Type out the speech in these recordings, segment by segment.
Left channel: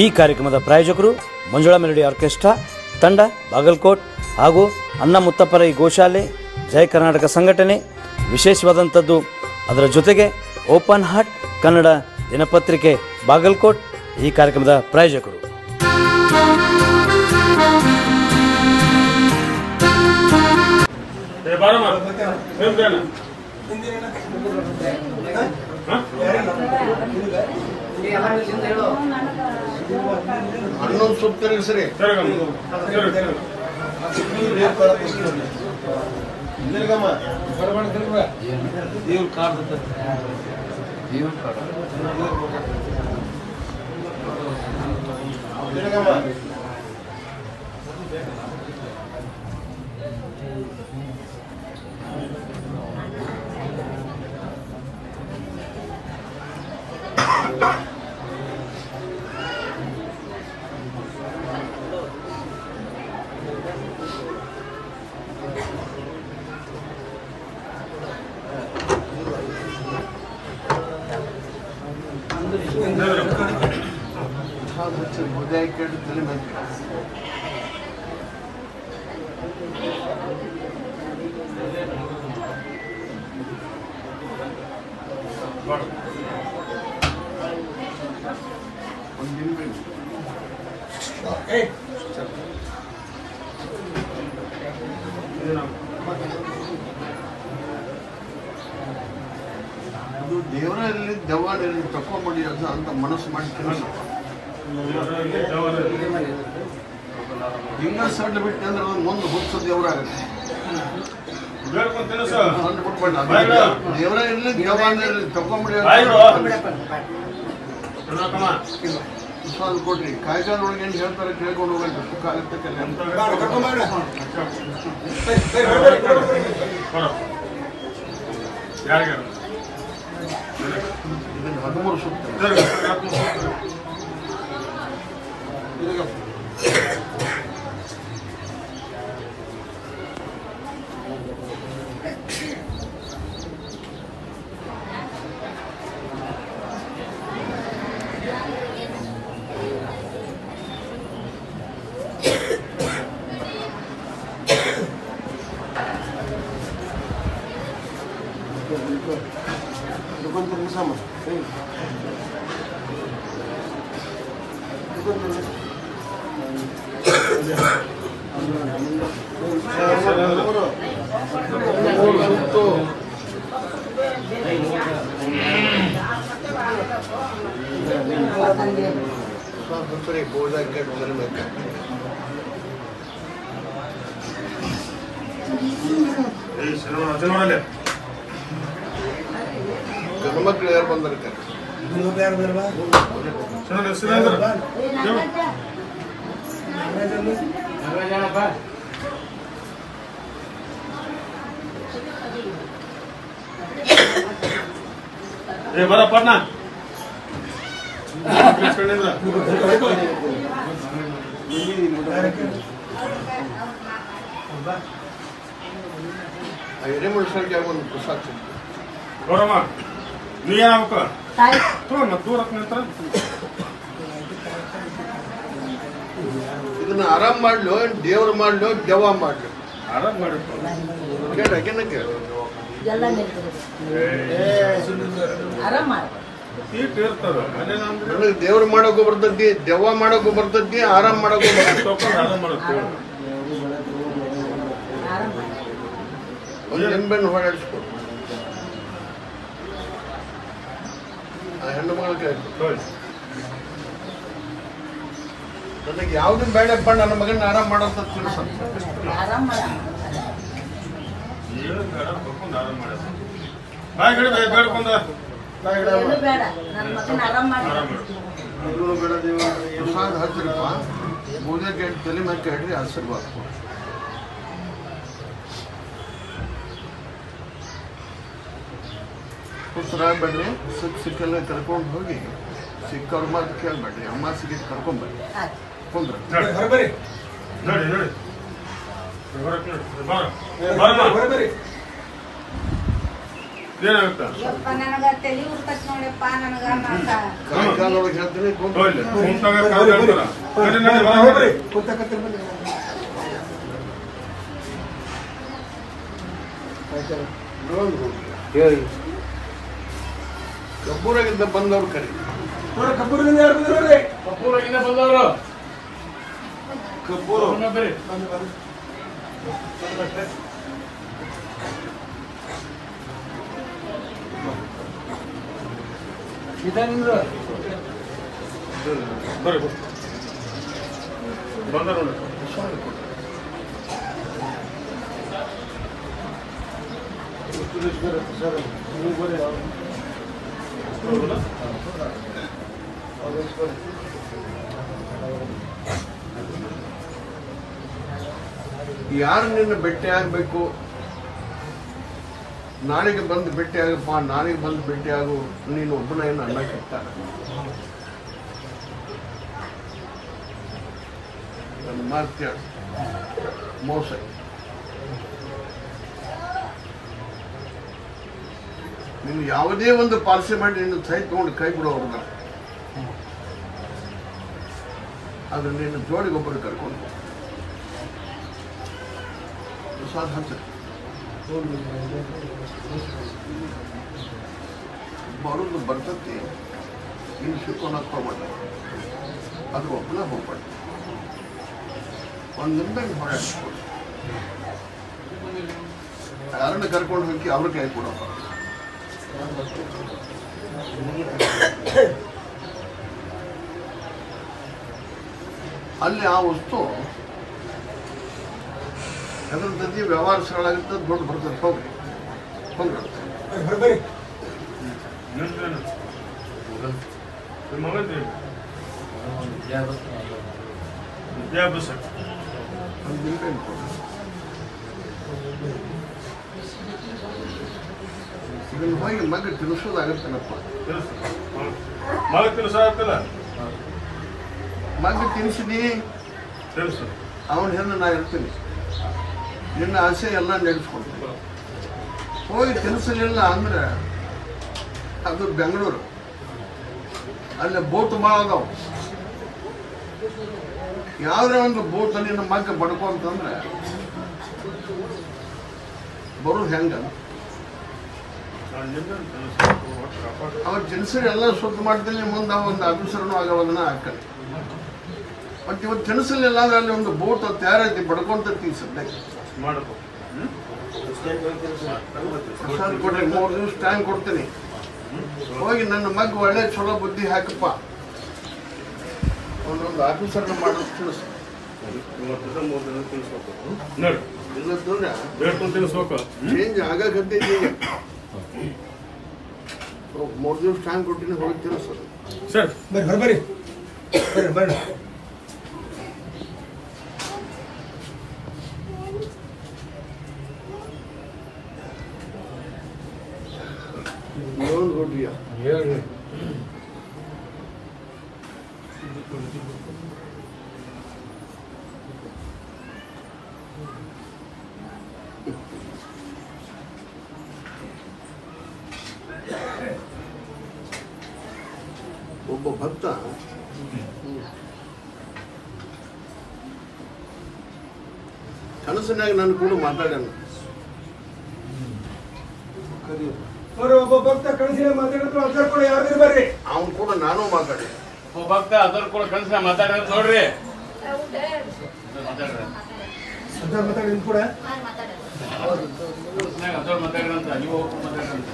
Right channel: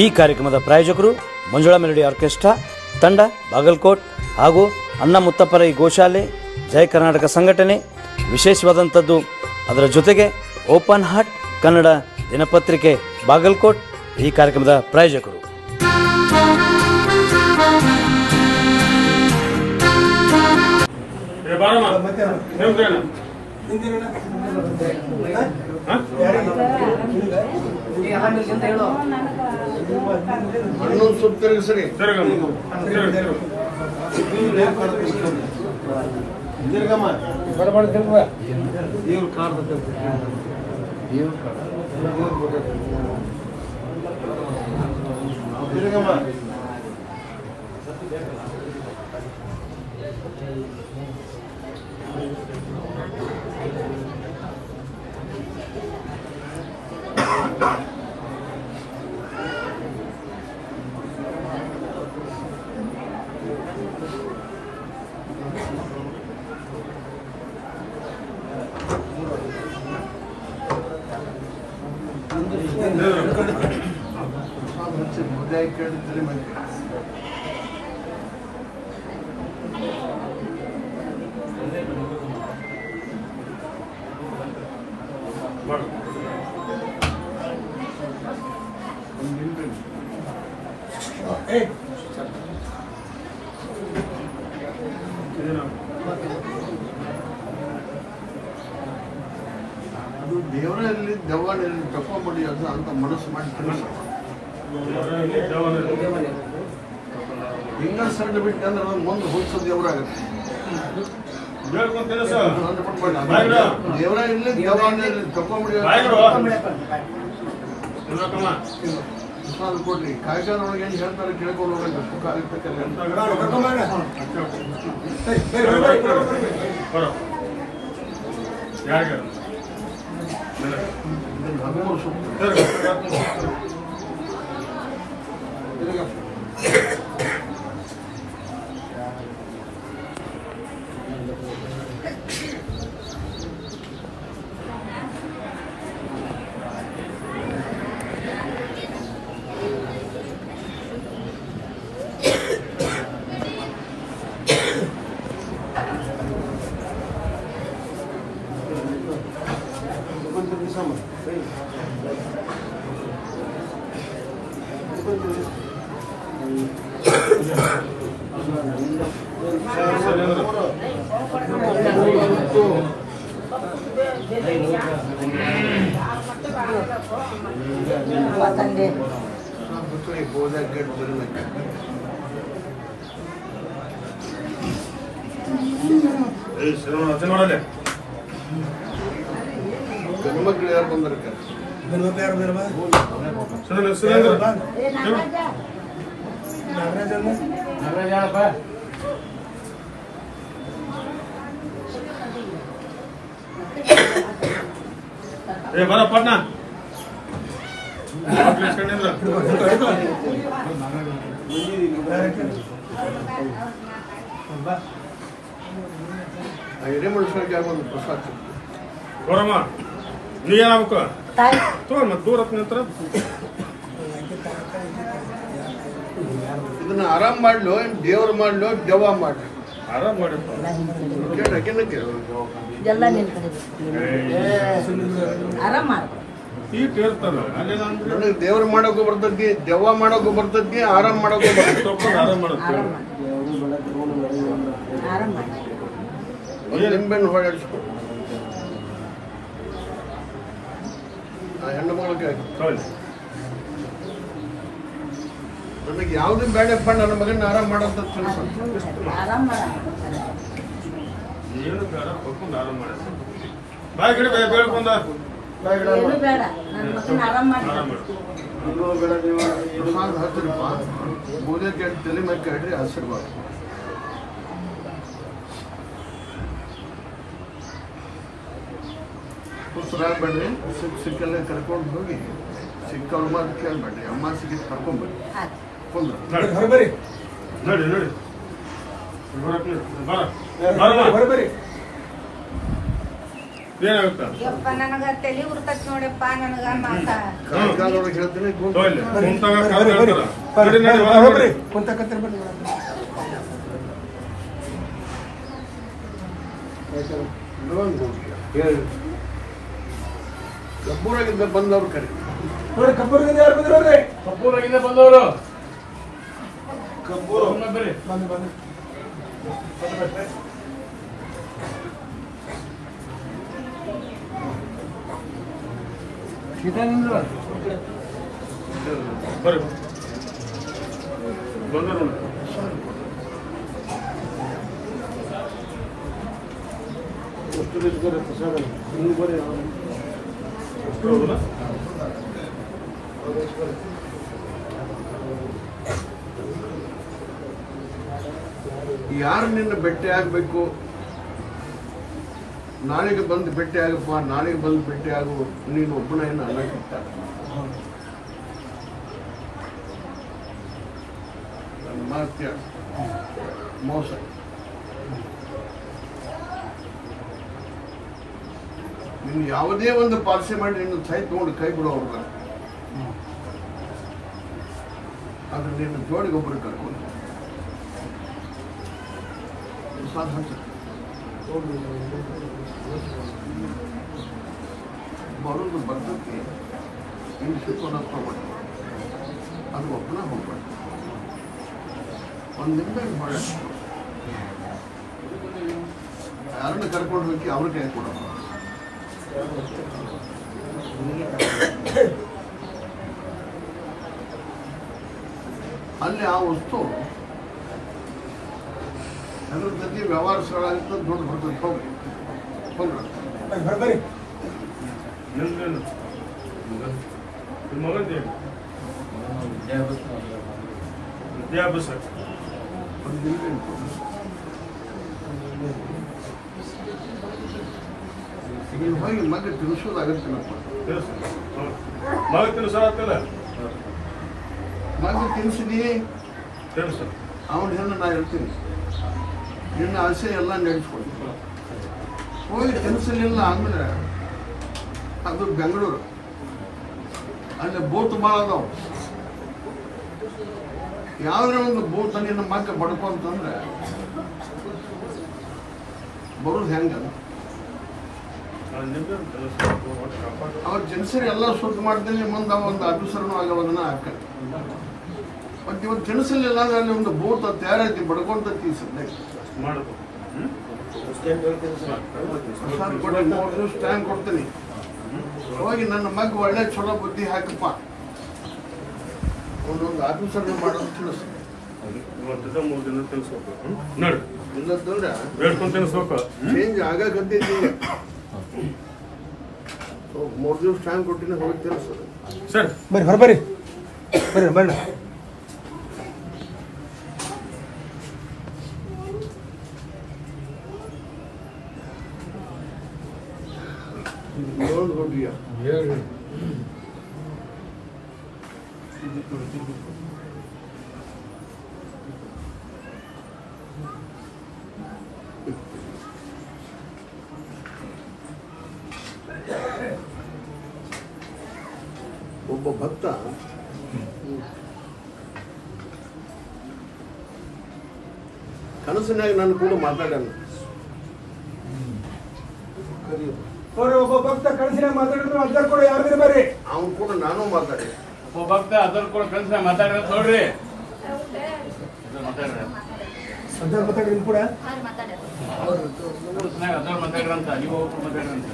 ಈ ಕಾರ್ಯಕ್ರಮದ ಪ್ರಾಯೋಜಕರು ಮಂಜುಳಾ ಮೆಲೋಡಿ ಆರ್ಕೆಸ್ಟ್ರಾ ತಂಡ ಬಾಗಲಕೋಟ್ ಹಾಗೂ ಅಣ್ಣ ಮುತ್ತಪ್ಪರ ಈ ಗೋಶಾಲೆ ಜಯ ಕರ್ನಾಟಕ ಸಂಘಟನೆ. ವಿಶೇಷವಾದಂಥದ್ದು ಅದರ ಜೊತೆಗೆ ಓಪನ್ ಹಾರ್ಟ್ ಕನ್ನಡ ದಿನಪತ್ರಿಕೆ ಬಾಗಲಕೋಟ್ ಈ ಕಾರ್ಯಕ್ರಮದ ಪ್ರಾಯೋಜಕರು. ದೇವರಲ್ಲಿ ದೆವ್ವನಲ್ಲಿ ತಕೊಂಡ್ಬಿಡಿ ಅಂತ ಮನಸ್ಸು ಮಾಡಿ ಹಿಂಗ ಸಣ್ಣ ಬಿಟ್ಟು ಅಂದ್ರೆ ಅದನ್ನ ಮುಂದೆ ಹುಡ್ಸೋ ದೇವರಾಗುತ್ತೆ. ದೇವರ ಇಲ್ಲಿ ದೇವರಲ್ಲಿ ತಕೊಂಡ್ಬಿಡಿ ಕೊಡ್ಲಿ ಕಾಯ್ಕಾನೊಳಗೆ ಏನು ಹೇಳ್ತಾರೆ ಕೇಳ್ಕೊಂಡು ಹೋಗ್ಬೇಕು ಕಾಲಕ್ಕೆ ಗಣಮಕ್ಳು ಯಾರು ಬಂದಿರ್ತಾರೆ ಬರ ಪಟ್ನಾ ಹಿರೇಮನುಷ್ಯರಿಗೆ ಯಾವೊಂದು ಪ್ರಸಾದ ಗೌರಮ್ಮ ನೀ ಏನಾಗಬೇಕು ತಗೊಂಡ್ ಮತ್ತೆ ದೂರ ನಂತರ ಇದನ್ನ ಆರಾಮ್ ಮಾಡ್ಲು ದೇವ್ರು ಮಾಡ್ಲು ದೆವ್ವ ಮಾಡ್ಲು ಆರಾಮ್ ಮಾಡಿ ದೇವ್ರು ಮಾಡೋಕು ಬರ್ತದ್ದಿ ದೆವ್ವ ಮಾಡೋಕು ಬರ್ತದ್ದಿ ಆರಾಮ್ ಮಾಡೋಕು ಆರಾಮ್ ಮಾಡುತ್ತೆ ನಿಂಬೆಣ್ಣು ಹೊರಡಿಸ್ಕೊ ಹೆಣ್ಣು ಮಗಳಿಗೆ ನನಗೆ ಯಾವ್ದು ಬೇಡಪ್ಪ ನನ್ನ ಮಗನ ಆರಾಮ್ ಮಾಡೋಂತ ತಿಳಿಸ ಬಾಯ್ ಗಿಡ ಬೇಡ್ಕೊಂಡ ಪ್ರಸಾದ ಹಚ್ಚಿರಪ್ಪ ಪೂಜೆ ಕೇಳಿ ತಲೆ ಮೇಲೆ ಕೇಳ್ರಿ ಆಶೀರ್ವಾದ ಬೇಡ್ರಿ ಸಿಕ್ಕಲ್ಲ ಕರ್ಕೊಂಡು ಹೋಗಿ ಸಿಕ್ಕವ್ರ ಮಾತು ಕೇಳ್ಬೇಡ್ರಿ ಅಮ್ಮ ಸಿಕ್ಕಿ ಕರ್ಕೊಂಡ್ಬರ್ರಿ ಕುಂದ್ರ ನೋಡಿ ನೋಡಿ ಏನಾಗುತ್ತಾ ನನಗ ತಲೆ ಗುರ್ತತ್ ನೋಡಪ್ಪ ನನಗ ಮಾತ ಕಾಲದೊಳಗೆ ಹೇಳ್ತೀನಿ ತೋರ್ಲಿ ಕುಂತಾಗ ಕಾಲ್ ಹೇಳ್ತಾರ ನಡಿ ನಡಿ ಹೊರಗೆ ನೋಡಿ ಕಬ್ಬೂರಾಗಿಂದ ಬಂದವ್ರು ಕರಿ ಕಬ್ಬೂರಿನಿಂದ ಯಾರು ಬಂದಿರೋರಿ? ಕಬ್ಬೂರಾಗಿಂದ ಬಂದವರು ಕಬ್ಬೂರು ಬರ್ರಿ ಬರ್ರಿ ಬಂದರು ನೋಡಿ ಯಾರು ನಿನ್ನ ಭೇಟಿ ಆಗಬೇಕು, ನಾಳೆಗೆ ಬಂದು ಭೇಟಿ ಆಗಪ್ಪ, ನಾಳೆಗೆ ಬಂದು ಭೇಟಿ ಆಗು, ನೀನು ಒಬ್ಬನ ಏನು ಅನ್ನಕ್ಕಿತ್ತ ನನ್ನ ಮಾತು ಕೇಳು, ಮೋಸ. ನೀವು ಯಾವುದೇ ಒಂದು ಪಾಲಿಸಿ ಮಾಡಿ ನಿನ್ನ ಸೈ ತಗೊಂಡು ಕೈ ಬಿಡೋರ್ಗ ಆದ್ರೆ ನಿನ್ನ ಜೋಡಿಗೊಬ್ಬರು ಕರ್ಕೊಂಡು ಬರೋದು ಬರ್ತೈತಿ, ಇನ್ನು ಸಿಕ್ಕೋಣಕ್ಕೆ ಹೋಗ್ಬೇಡ, ಅದು ಒಬ್ಬನ ಹೋಗ್ಬೇಡ, ಒಂದಿಂದ ಹೊರ ಯಾರನ್ನ ಕರ್ಕೊಂಡು ಹೋಗಿ ಅವ್ರ ಕೈ ಕೊಡಪ್ಪ. ಅಲ್ಲಿ ಆ ವಸ್ತು ಹೆದರ್ತೈತಿ, ವ್ಯವಹಾರ ಸರಳ ಆಗುತ್ತೆ, ದುಡ್ಡು ಬರ್ತದೆ. ಹೋಗ್ರಿ ಬರ್ರಿ ನಿಮ್ಮ ಮಗಂದು ವಿದ್ಯಾಭ್ಯಾಸ ಇದನ್ನು ಹೋಗಿ ಮಗ ತಿನ್ನಿಸೋದಾಗುತ್ತೇನಪ್ಪ. ಮಗ ತಿನ್ನಿಸಾಗತ್ತಿಲ್ಲ ಮಗ ತಿನ್ನಿಸಿದಿ, ತಿನ್ನಿಸ ಅವನ ಹೆಣ್ಣು ನಾ ಇರ್ತೀನಿ, ನಿನ್ನ ಆಸೆ ಎಲ್ಲ ನಡೆಸ್ಕೊಡ್ತೀನಿ. ಹೋಗಿ ತಿನ್ನಿಸಲಿಲ್ಲ ಅಂದ್ರೆ ಅದು ಬೆಂಗಳೂರು, ಅಲ್ಲಿ ಬೋಟ್ ಭಾಳ ಅದಾವ. ಯಾವುದೇ ಒಂದು ಬೋಟ್ ನಿನ್ನ ಮಗ ಬಡ್ಕೊ ಅಂತಂದ್ರೆ ಬರೋದು ಹೆಂಗ? ಅವ್ರ ಜನಸರಿ ಎಲ್ಲ ಶುದ್ಧ ಮಾಡ್ತೀನಿ, ಮುಂದೆ ಒಂದು ಆಫೀಸರ್ನು ಆಗೋದನ್ನ ಹಾಕಲ್ಲ. ಮತ್ತೆ ಇವತ್ತು ತಿನ್ನಿಸಲಿಲ್ಲ ಅಂದ್ರೆ ಅಲ್ಲಿ ಒಂದು ಬೋಟ್ ತಯಾರೈತಿ, ಬಡ್ಕೊಂತ ಸದ್ಯಕ್ಕೆ ಮಾಡಬೇಕು. 3 ದಿವಸ ಟೈಮ್ ಕೊಡ್ತೀನಿ. ಹೋಗಿ ನನ್ನ ಮಗ ಒಳ್ಳೆ ಚಲೋ ಬುದ್ಧಿ ಹಾಕಪ್ಪ, ಅವನೊಂದು ಆಫೀಸರ್ನ ಮಾಡೋದು ತಿನ್ನಿಸ್. ಇವತ್ತಿಂದ 3 ದಿನ ತಿನ್ನಿಸ್ಬೇಕು ನೋಡಿ, ಇಲ್ಲದ್ರೆ ಬೇಡ್ಕೊಂಡು ತಿನ್ನಿಸ್ಬೇಕು. ಚೇಂಜ್ ಆಗಕತ್ತೈತಿ ಈಗ. 3 ದಿವಸ ಟೈಮ್ ಕೊಟ್ಟಿನಿ, ಹೋಗಿ ತಿನ್ನಿಸೋದು. ಸರಿ ಬರ್ರಿ ಬರ್ರಿ ಬರ್ರಿ. ಇನ್ನೊಂದು ಕೊಟ್ಟಿಯ ಒಬ್ಬ ಭಕ್ತ ಕನಸಿನಾಗ ನನ್ನ ಕೂಡ ಮಾತಾಡ್ಯಾನ. ಕರಿಯಪ್ಪ, ಒಬ್ಬ ಭಕ್ತ ಕನಸಿನ ಮಾತಾಡಿದ್ರು ಅರ್ಧ ಕೊಡಿ, ಯಾರು ಬರ್ರಿ. ಅವನು ಕೂಡ ನಾನು ಮಾತಾಡಿ. ಒಬ್ಬ ಭಕ್ತ ಅದರ ಕೂಡ ಕನಸಿನ ಮಾತಾಡಿದ್ರೆ ನೋಡ್ರಿ, ಮಾತಾಡ್ರಿ ಅರ್ಧ ಮಾತಾಡಿದ್ರು ಕೂಡ ಕನಸಿನಾಗ ಅದರ ಮಾತಾಡ್ರಂತ, ನೀವು ಹೋಗ್ಕೊಂಡು ಮಾತಾಡ್ರಂತ.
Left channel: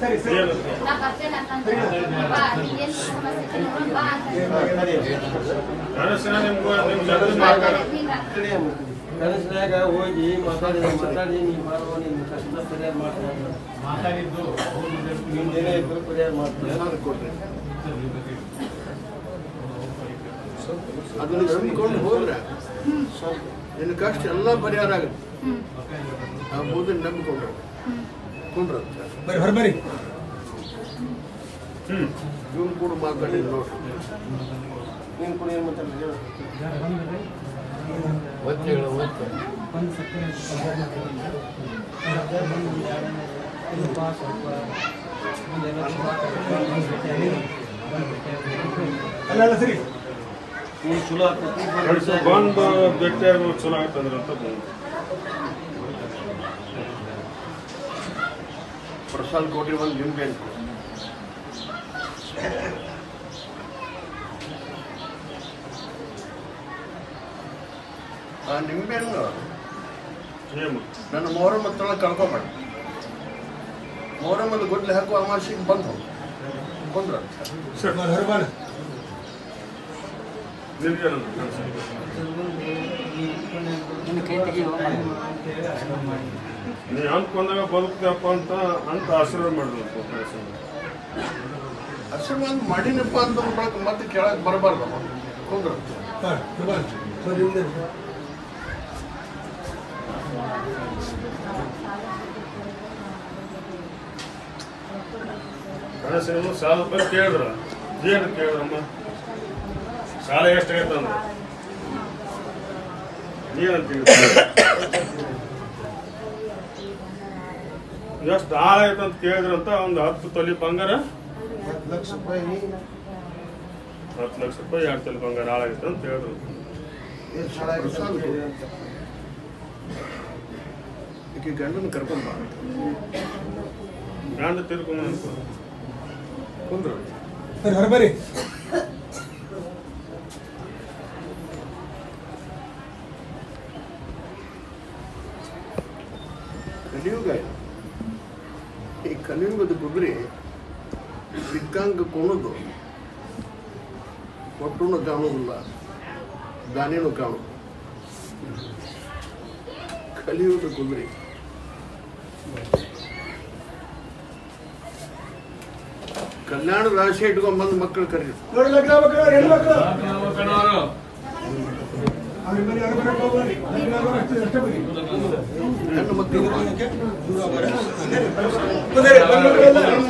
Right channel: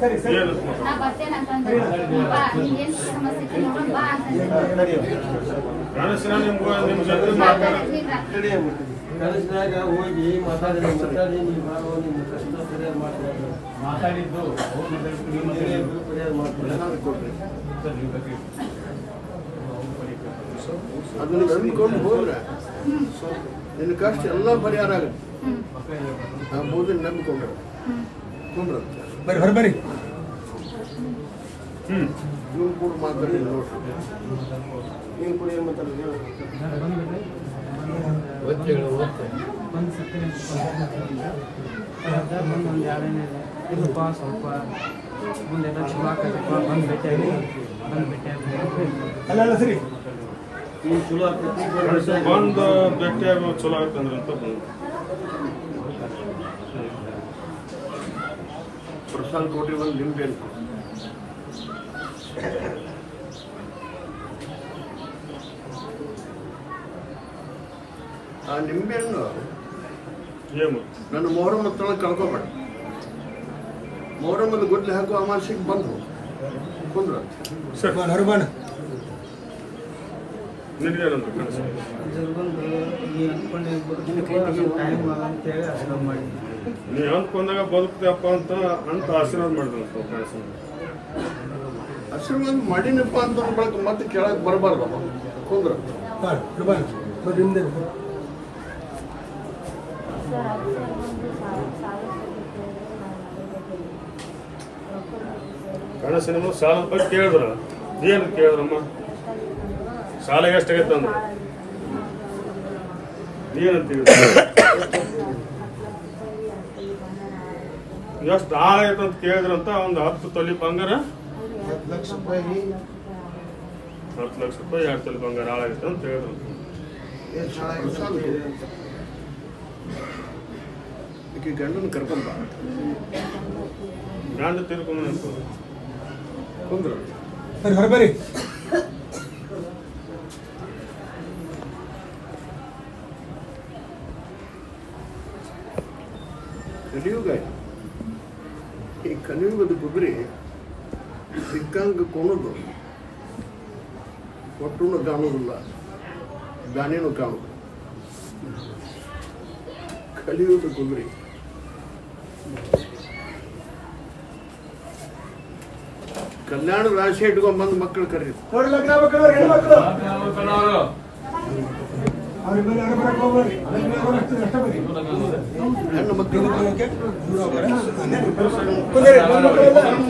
ಸರಿ ಸರಿ ಕನಸಿನ ನಿಮ್ಮ ಜೊತೆ ಮಾತಾಡ ಕನಸಿನಾಗ ಹೋಗಿ ಮಾತಾಡಿ ನೀವು ಮಾಡುವ ನಿಮ್ಮ ಕಷ್ಟ ಪರಿಹಾರ ಮಾಡ್ತಾರೆ. ಮಾತಾಡಿದ್ದು ನಿಮ್ಮ ಏನೇ ಪರಿಹಾರ ಮಾಡ್ತಾರೆ. ಏನಾದ್ರು ಕೊಡ್ರಿ, ಅದನ್ನ ನಂಬಿಕೊಂಡು ಹೋದ್ರೆ ನಿನ್ನ ಕಷ್ಟ ಎಲ್ಲ ಪರಿಹಾರ ಆಗುತ್ತೆ. ಆ ಬೋಧನೆ ನಂಬಿಕೊಂಡ್ರೆ ಕುಂಡ್ರಂತ ಬರ್ರಿ ಬರ್ರಿ. ಇವನು ಕೂಡ ಮಾತಾಡಿ ನೋಡ್ರಿ. ನೀನು ಕೂಡ ಏನು ಮಾತಾಡ್ರಿ? ಒಂದು ಸಕ್ಕರೆ ಒಂದು ಎರಡು ಇಲ್ಲಪ್ಪ ಸ್ವಲ್ಪ ಮುಂದೆಲ್ಲ ಚಲೋ ಆಗ್ತದಪ್ಪ ಬಂದು ಭೇಟಿಯಾಗಿ ಅಲ್ಲ ಸರಿ ಈ ಚಲೋ ಆಗ್ತದೆ ಬಂದು ಭೇಟಿಯಾಗಿ ಚಲೋ ಆಗುತ್ತಂದ್ರೆ ಅಂತ ಬಂದು ಪ್ರಸಾದ್ ಕೊಟ್ರಿ ಒಂದು ನಿಂಬೆ ಆ ನಿಂಬೆಯನ್ನು ಏನು ನನ್ನ ಮೊಹರಂ ಹತ್ರ ಕಳ್ಕೊಬೇಡಿ. ಮೊಹರಮ್ಮದ ಗುಡ್ಲೆ ಹಾಕುವ ಅಮಾವಾಸ್ಯೆಗೆ ಬಂದು ಕೊಂದ್ರ ಸರ್ ಹರ್ಬನ್ ನಿನಗೇನಂದ್ರೆ ಕನಸು ನೀ ಅಂದ್ಕೊಂಡಾಗ ಬದುಕ್ತೇವಪ್ಪ ಅಂತ ಆಶೀರ್ವಾದ ಮಾಡಿದ್ರು ಅಂತ ಕನಸು ಆಶೀರ್ವಾದ ಮಾಡಿನಪ್ಪ ಅಂತ ಬಳಕ ಮತ್ತೆ ಕೆಳಗೆ ಬರಬಾರ್ದಮ್ಮ ಕೊಂದ್ರ ಕನಸಿನ ಸಾಲದ ಬಗ್ಗೆ ಕೇಳಿದ್ರು ಏನು ಕೇಳಿದ್ರಮ್ಮ ಸಾಲ ಎಷ್ಟಾಗೈತೆ ಅಂದ್ರೆ ಏನಂತ ಎಷ್ಟು ಹಾಳಾಗೈತೆ ಅಂತ ಕೇಳಿದ್ರಂತ ಒಂದು 10 ತೊಲಿ ಬಂಗಾರ 10 ಲಕ್ಷ ರೂಪಾಯಿ 10 ಲಕ್ಷ ರೂಪಾಯಿ 2 ತೊಲಿ ಬಂಗಾರ ಹಾಳಾಗೈತೆ ಅಂತ ಹೇಳಿದ್ರು ಈಕೆ ಗಂಡನ ಕರ್ಕೊಂಬ ಗಂಡ ತಿರ್ಕೊಂಡು ಅನ್ಕೊಂಡು ಕೊಂದ್ರ ಹರ್ಬರಿ ಕಲಿಯುಗ ಇದು. ಈ ಕಲಿಯುಗದ ಗುಬ್ರಿ ಸಿಕ್ಕಂಗ ಕೊಣದು ಒಟ್ಟುನು ಕಾಣುವುದಿಲ್ಲ ದಾನೇನು ಕಾಣುದು ಕಲಿಯುಗದ ಗುಬ್ರಿ ಕಲ್ಯಾಣ ರಾಶಿ ಇಟ್ಕೊಂಡ್ಬಂದು ಮಕ್ಕಳು ಕರೀರು ನೋಡಿ ಲಗ್ನ ಮಕ್ಕಳು ಹೆಣ್ಮಕ್ಳು ಅವ್ರ ಮನೆ ಹರ್ಬರಕ್ಕೆ ಹೋಗ್ಬಾರಿ ಅಷ್ಟೇ ಬರೀ ಹೆಣ್ಣು ಮಕ್ಕಳು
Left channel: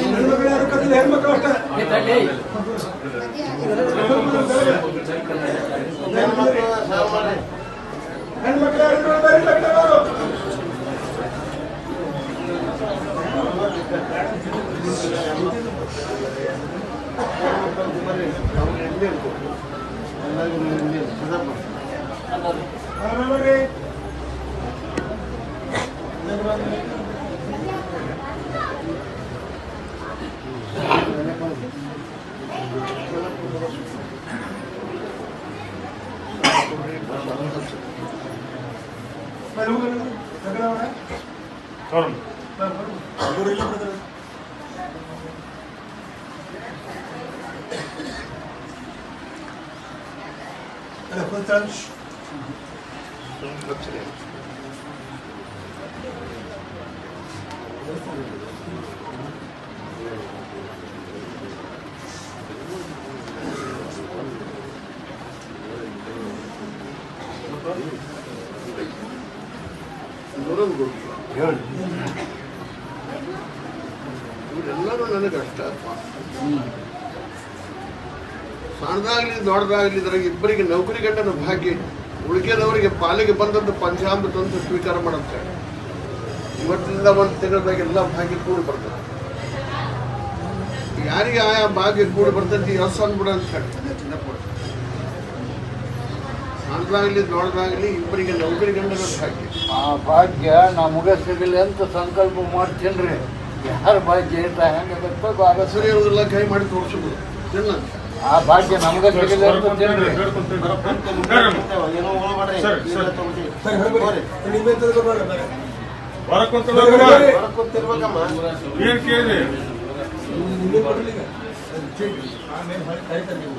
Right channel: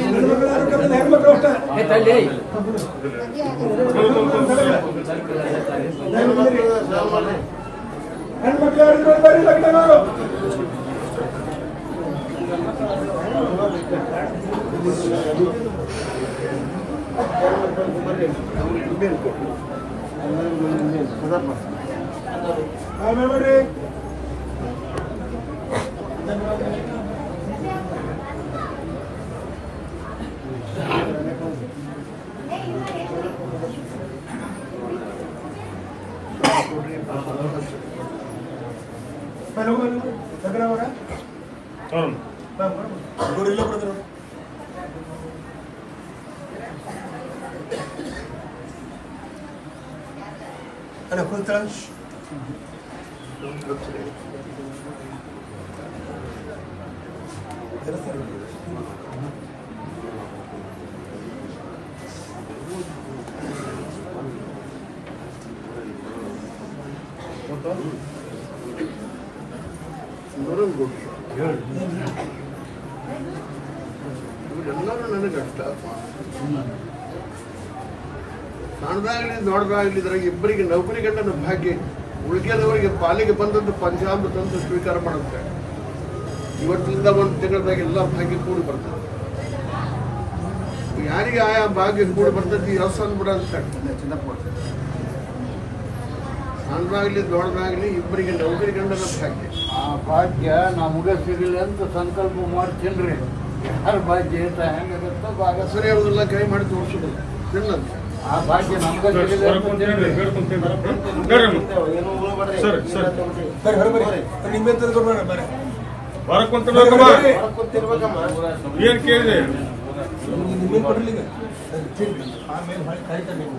ಹೆಣ್ಮಕ್ಳು ಯಾರು ಕತ್ತಲ್ಲ ಹೆಣ್ಮಕ್ಳು ಅಷ್ಟ ಹೆಣ್ಮಕ್ಳು ಯಾರು ನೋಡ್ಬಾರಿ ಲಗ್ನ ನೋಡಿ ಇವರೆಲ್ಲ ಬರ್ತಾರೆ ಅಲ್ಲ ಪುತ್ರಾಂಶ್ ಇವರೆಲ್ಲರೂ ನನಗೆ ಅಷ್ಟ ಸಣ್ಣದಾಗ್ಲಿ ದೊಡ್ಡದಾಗ್ಲಿ ಇದ್ರಾಗ ಇಬ್ಬರಿಗೆ ನೌಕರಿ ಗಂಡನ ಭಾಗ್ಯ ಉಳಿಕೆದವರಿಗೆ ಪಾಲಿಗೆ ಬಂದದ್ದು ಪಂಚಾಮೃತ ಅಂತ ಸ್ವೀಕಾರ ಮಾಡುತ್ತೆ ಇವತ್ತಿನಿಂದ ಒಂದು ತಿಂಗಳದಾಗ ಎಲ್ಲ ಭಾಗ್ಯ ಕೂಡಿ ಬರ್ತದೆ ಯಾರಿಗೆ ಆಯಾ ಭಾಗ್ಯ ಕೂಡಿ ಬರ್ತೈತಿ ಎಸ್ ಅಂದ್ಬಿಡ ಅಂತ ಹೇಳ್ತದೆ ಚಿನ್ನಪ್ಪ ಸಣ್ಣದಾಗ್ಲಿ ದೊಡ್ಡದಾಗ್ಲಿ ಇಬ್ಬರಿಗೆ ನೌಕರಿ ಗಂಡನ ಭಾಗ್ಯ ಆ ಭಾಗ್ಯ ನಮಗೆ ಸಿಗಲಿ ಅಂತ ಸಂಕಲ್ಪ ಮಾಡ್ತೇನ್ರಿ ಯಾರ ಭಾಗ್ಯ ಇಟ್ಟ ಹೆಂಗಾಗತ್ತೋ ಭಾಗ ಸರಿ ಅವ್ರೆಲ್ಲ ಕೈ ಮಾಡಿ ತೋರಿಸೋದಿಲ್ಲ ತಿನ್ನಂತ ಆ ಭಾಗ್ಯ ನಮಗೆ ಸಿಗಲಿ ಅಂತ ತೇನ್ರಿ ಏನೋ ಹೋಗ್ಬೇಡ್ರಿ ಸರಿ ಹರ್ಬರಿ ನಿಮ್ಗೆ ತಿಳ್ಕೊಬೇಡ ಬರ ಹೊರಕೊಂತಿರ್ಬೇಕಮ್ಮ ಹೊರಕೊತ್ತಿರ್ಬೇಕಮ್ಮ ಏನ್ ಕೇಳಿದೆ ನಿಮ್ಗೆ ಬರ್ಲಿಲ್ಲ ಆಮೇಲೆ ಹೇಳ್ತಾರೆ ನೀವು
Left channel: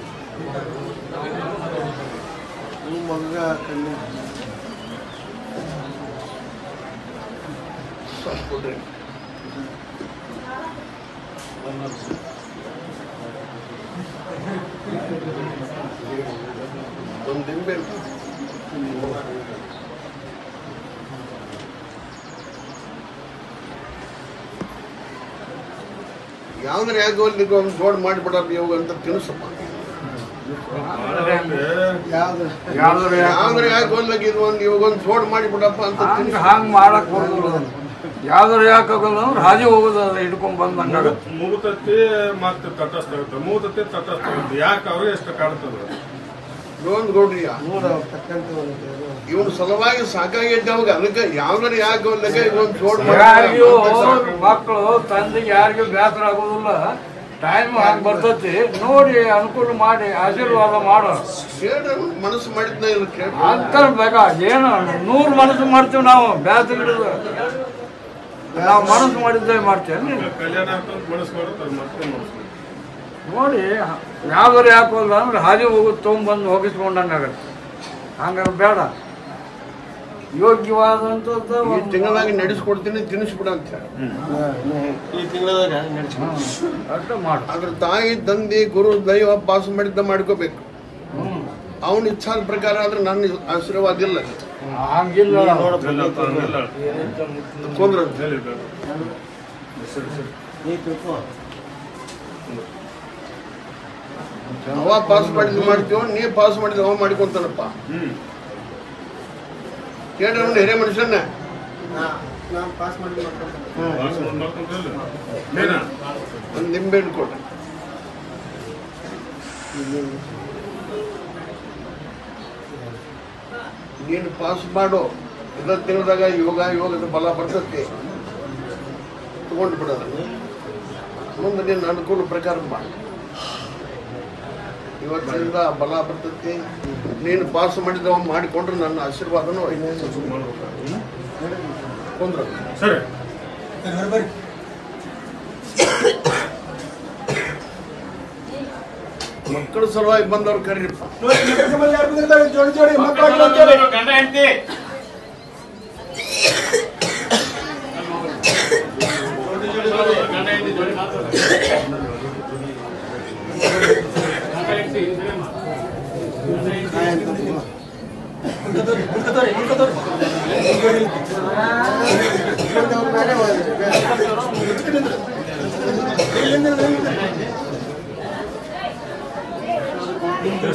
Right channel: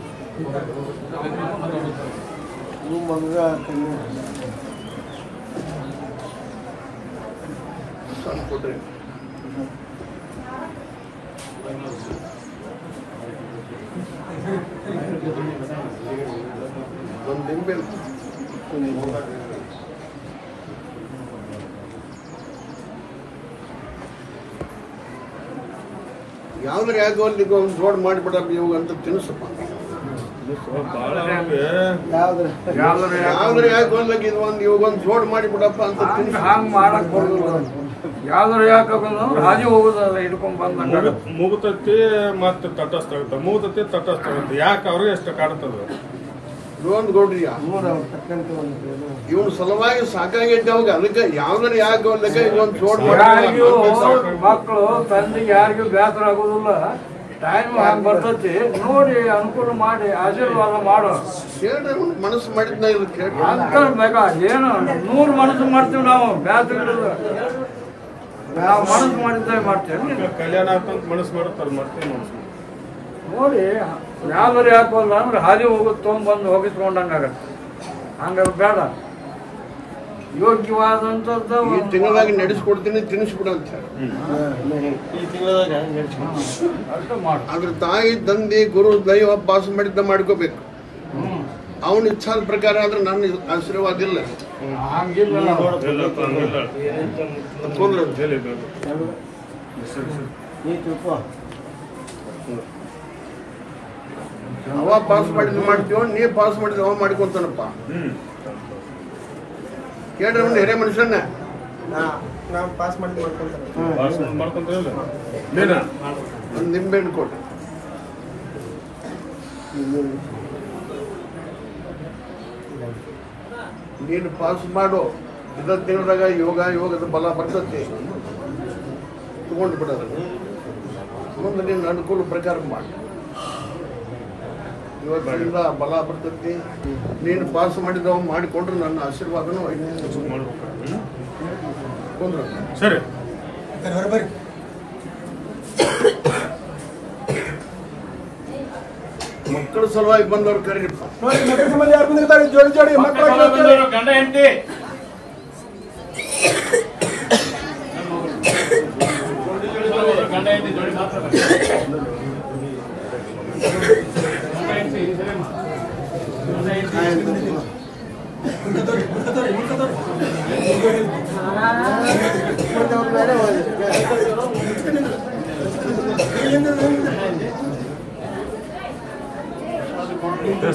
ನಿಮ್ಮ ಮಗ ಕೊಟ್ರಿ ಒಂದು ನಿಂಬೆ ಯಾವ್ದ್ರ ಯಾಕೆ ಒಂದು ದೊಡ್ಡ ಮಾಡಿಬಿಡ ನೀವು ಅಂತ ತಿನ್ಸಪ್ಪ ಯಾವ್ದಾರು ಯಾಕೆ ಹೋಗ್ಬೇಕಿದ್ ಒಂದು ಇವಾಗೊಂದು ಜೋಡ್ ಮಾಡಿಬಿಡಪ್ಪ ಅಂತ ಹಂಗ್ ಮಾಡಕ್ ಹೋಗುದು ಯಾವ್ದಾರು ಯಾಕೆ ರಾಜಿ ಹೋಗುದು ಹಿಡ್ಕೊಂಡ್ ಬಂದ ಮುಗುತತ್ತಿ ಮತ್ತೆ ತಟಸ್ಥ ಆಗುತ್ತೆ ಮುಗುತತ್ತಿ ತಟಸ್ಥ ಆಗುತ್ತೆ ಯಾಕೆ ಅವ್ರಿಗೆ ಎಷ್ಟು ಕಾಡ್ತದ ಲೋನ್ ಗೌಡ್ರಿ ಇವನ್ ಸಲುವಾಗಿ ಸಾಕಾಗೈತೆ ಅವಾಗ ಅದಕ್ಕೆ ಯಾವ್ದಾರು ಯಾಕೆ ಹೋಗ್ಲಿಕ್ಕೆ ಇದೊಂದು ಜೋಡ್ ಮಕ್ಕಳು ತಂದೆ ಯಾರಿಗೂ ಬೇಸರ ಆಗೋದಿಲ್ಲ ಟೈಮ್ ಹಂಗ್ ಬರ್ತೈತಿ ನೋಡಿ ಅನುಕೂಲ ಮಾಡಿ ಆಶೀರ್ವಾದ ಮಾಡೋ ಕೇಳ್ರಿ ಮನಸ್ಸು ಮಾಡಿದ್ನ ಇಲ್ಲ ಕೇಳ್ರಿ ಅಂತ ಬೇಕಾ ಏನು 100 ಮನಸ್ಸು ಮಾಡ್ತೀವಿ ನಾವು ಬೇಸರ ನಾವು ಮನಸ್ಸು ಮಾಡಿದ್ದೆ ಮಾಡ್ತೇವೆ ಕಲ್ಯಾಣ ಅಂತ ಮನಸ್ಸು ಮಾಡ್ತಾರೆ ಮತ್ತೆ ನೋಡಿ ಯಾವ್ದಾರು ಯಾಕೆ ಹೋಗಲ್ಲ ಅಂದ್ರೆ ಹಾಗೆ ಹೋಗೋದು ತೊಗೊಂಬಂದು ಹೋಗಿಸ್ಕೊಂಡಂಗಾಗತ್ತೆ ಹಂಗಾರೆ ಬೇಡ ಯೋಗ್ಯವಾದಂಥದ್ದು ಈ ತಿಂಗಳಾಗಿ ನಡೆಸ್ಕೊಡ್ತೀನಿ ತಿನ್ನಿಸ್ಬಿಡ ಅಂತ ಅಷ್ಟೇ ಮಾಡು ಅದ್ರ ತಾಯಿ ತಂದೆ ಗುರು ದೈವ ಪಾಸ್ ಮಾಡಿದ್ದ ಮಾಡ್ಕೋಬೇಕು ಅವನ ಇಚ್ಛಾದ ಪ್ರಕಾರ ಆದ್ರೆ ನನ್ನ ಆಶೀರ್ವಾದ ಇಲ್ಲ ಹಂಗಿಲ್ಲ ಅವ ಪಾಸ್ ಮಾಡಿದ್ ಮಾಡ್ತೀವ ನೀ ಪಾಸ್ ಮಾಡಿದ್ ಅವ ಮಾಡ್ಕೊಂತಾನಪ್ಪ ಕೇಳ್ರಿ ಅವ್ನು ಹಿರೇ ಮನುಷ್ಯನ ಒಂದು ನಿಂಬೆ ಹಣ್ಣು ಕೊಟ್ರಿ ನೀನು ಪಾಸ್ ಮಾಡು ಇದರ ತಿಂಗಳದಾಗ ಯೋಗದ ಬಲ ಬರ್ತೈತಿ ತಗೊಂಡು ಬಿಡೋದು ಮುಂದೆ ನೀನು ಅನುಕೂಲ ಪ್ರಕಾರ ಮಾಡಿ ಇವತ್ತಿನಿಂದ ಬಲ ಬರ್ತೈತಿ ನೀನು ಪಾಸ್ ಮಾಡಿದವ ಮಾಡಿಕೊಂಡ್ರೆ ನನ್ನ ಆಶೀರ್ವಾದನೂ ಕೊಂಡ್ರ ಸರಿ ಮಕ್ಕಳ ಸಲುವಾಗಿ ಬಂದವ್ರು ಕರೀರಿಪ್ಪ ಜೋಡಿ ಜೋಡಿ ಮಕ್ಕಳು ಗಂಡ ಹೆಂಡತಿ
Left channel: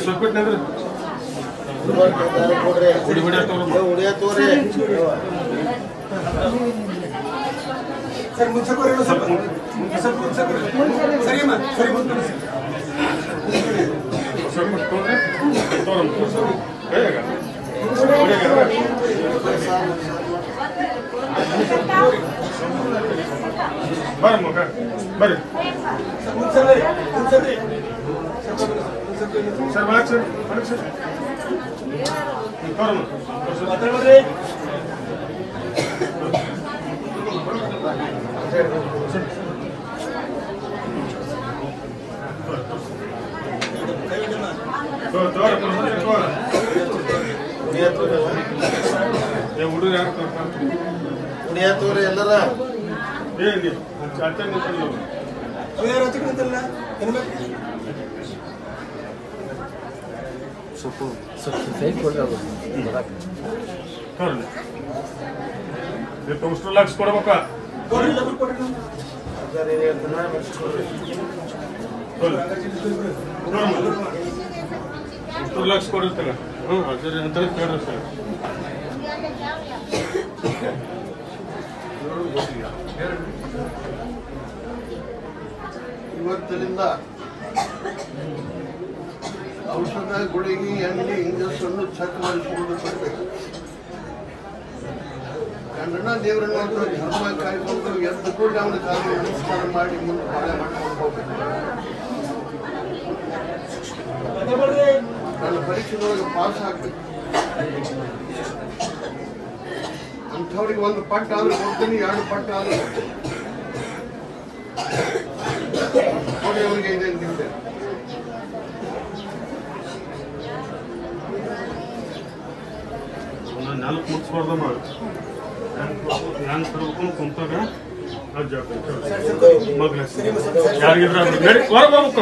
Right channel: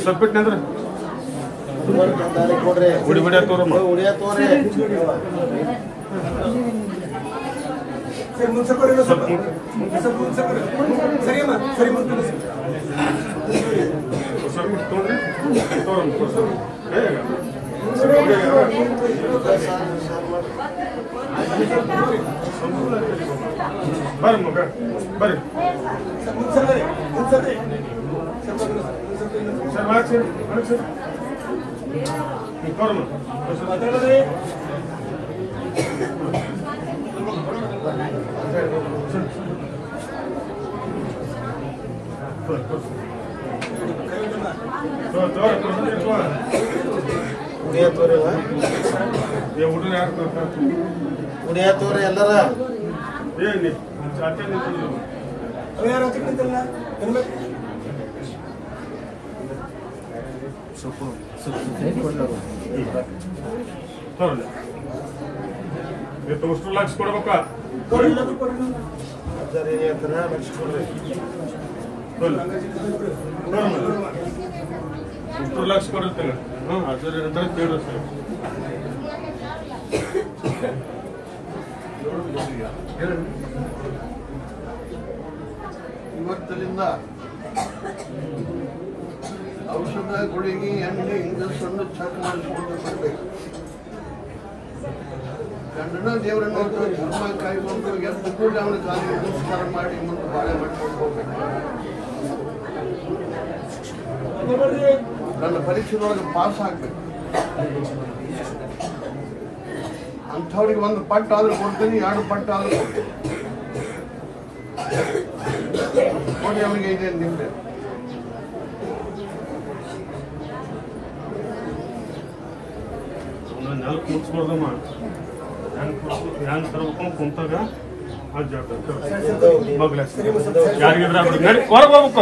ಸ್ವಲ್ಪಿಟ್ನಂದ್ರೆ ಸರ್ ಮುಂಚೆ ಬರ್ರಿ ಮಗ ಬರ್ರಿ ಸರ್ ಮಾಡಿ ಸರ್ ಮಾಡಿ ಸರ್ ಬರೋಣ ಹುಡುಗ ಉಡಿಯತ್ತವ್ರೆ ಎಲ್ಲರ ಏನು ಇಷ್ಟು ಲಕ್ಷ ಕೊಡ್ಬೇಕಾ ಇಷ್ಟು ಲಕ್ಷ ಕೊಡಿರ್ತಾಗ ಅಜರ್ ಹೇಳ್ತಾರೆ ಕೇಳ್ರಿ ಸರ್ ಇವತ್ತಿನಿಂದ ಔಷಧ ಗುಳಿಗೆ ಎಣ್ಣೆ ಇಂಜೆಕ್ಷನ್ ಚೆಕ್ ಮಾಡಿಕೊಂಡು ಬರ್ಬೇಕು ಗಂಡನ ದೇವರನ್ನ ಧರ್ಮ ಕಾಯ್ಕೊಂಡು ಎದ್ದು ಕೂಡ ಅವನ ಕಾಲಿಗೆ ನಮಸ್ಕಾರ ಮಾಡಿ ಮುಂದೆ ಬಾಳೆ ಮಾಡ್ಕೊಂಡು ಹೋಗ್ಬೇಕು ನನ್ನ ಪರೀಕ್ಷೆದೊಳಗೆ ಪಾಸ್ ಆಗ್ಬೇಕು ಅಂಥವ್ರಿಗೆ ಒಂದು ಪಟ್ಟು ಆದ್ರೂ ಕೊಡ್ತೀನಿ 2 ಪಟ್ಟು ಆದ್ರೂ ನೋಡಿ ಅವರಿಗೆ ಇದೆ ನಿಂಬೆ ನಾಲ್ಕು ಮುಗಿಸ್ಬಾರ್ದಮ್ಮ ಹೆಂಗ್ ತರ್ಬೇಕು ಕುಂತಾಗ ಅದು ಜವಾಬ್ದಾರಿ ಮಗ್ಲ ಯಾರಿಗಿದ್ರ ಹೊರಗೆ ಬರ್ಬೇಕು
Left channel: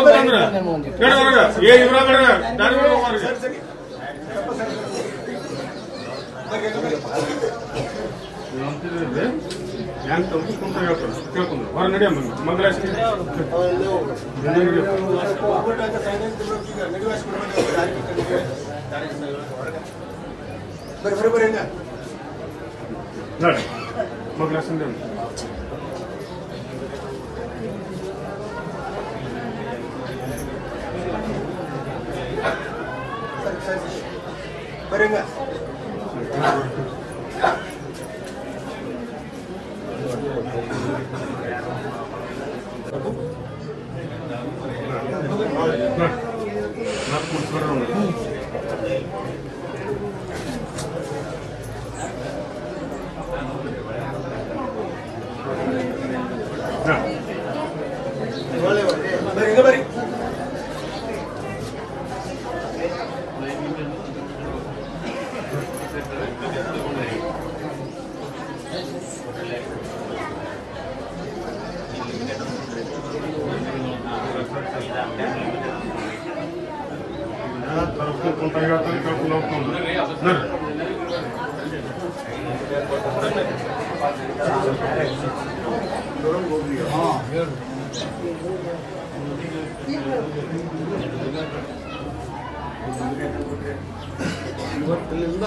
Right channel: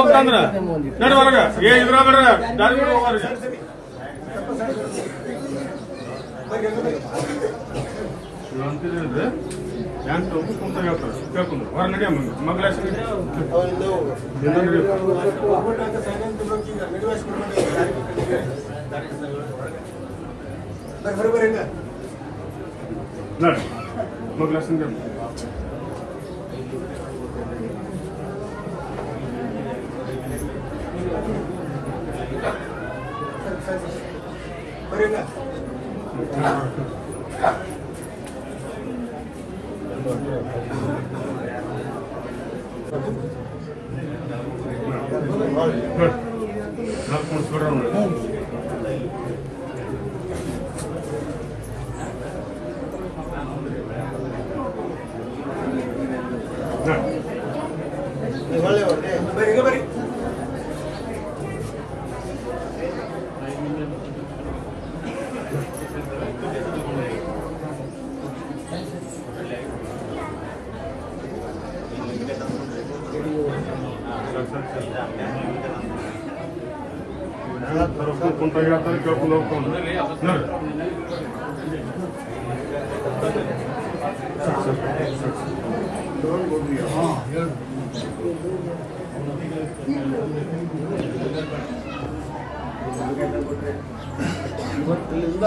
ಹೊರಗೆ ಅಂದ್ರೆ ಹೇಳಿ ಹೊರಗೆ ಇದ್ರ ಬೇಡ ದಾರಿ ಹೊರಗೆ ಅಂತಿದ್ರೆ ಹ್ಯಾಂಗ ಕುಂತ ಹೇಳ್ತಾರೆ ಕೇಳ್ಕೊಂಡು ಹೊರ ನಡಿ ಮಂಗಳಾಸ ನೋಡಿ ಮಂಗಳಾಸ ಕುಂತ ಹೇಳ್ತಾರೆ ಕೇಳ್ಕೊಂಡು ಹೋಗ್ಕೊಂಡು ಇವತ್ತಿನಿಂದ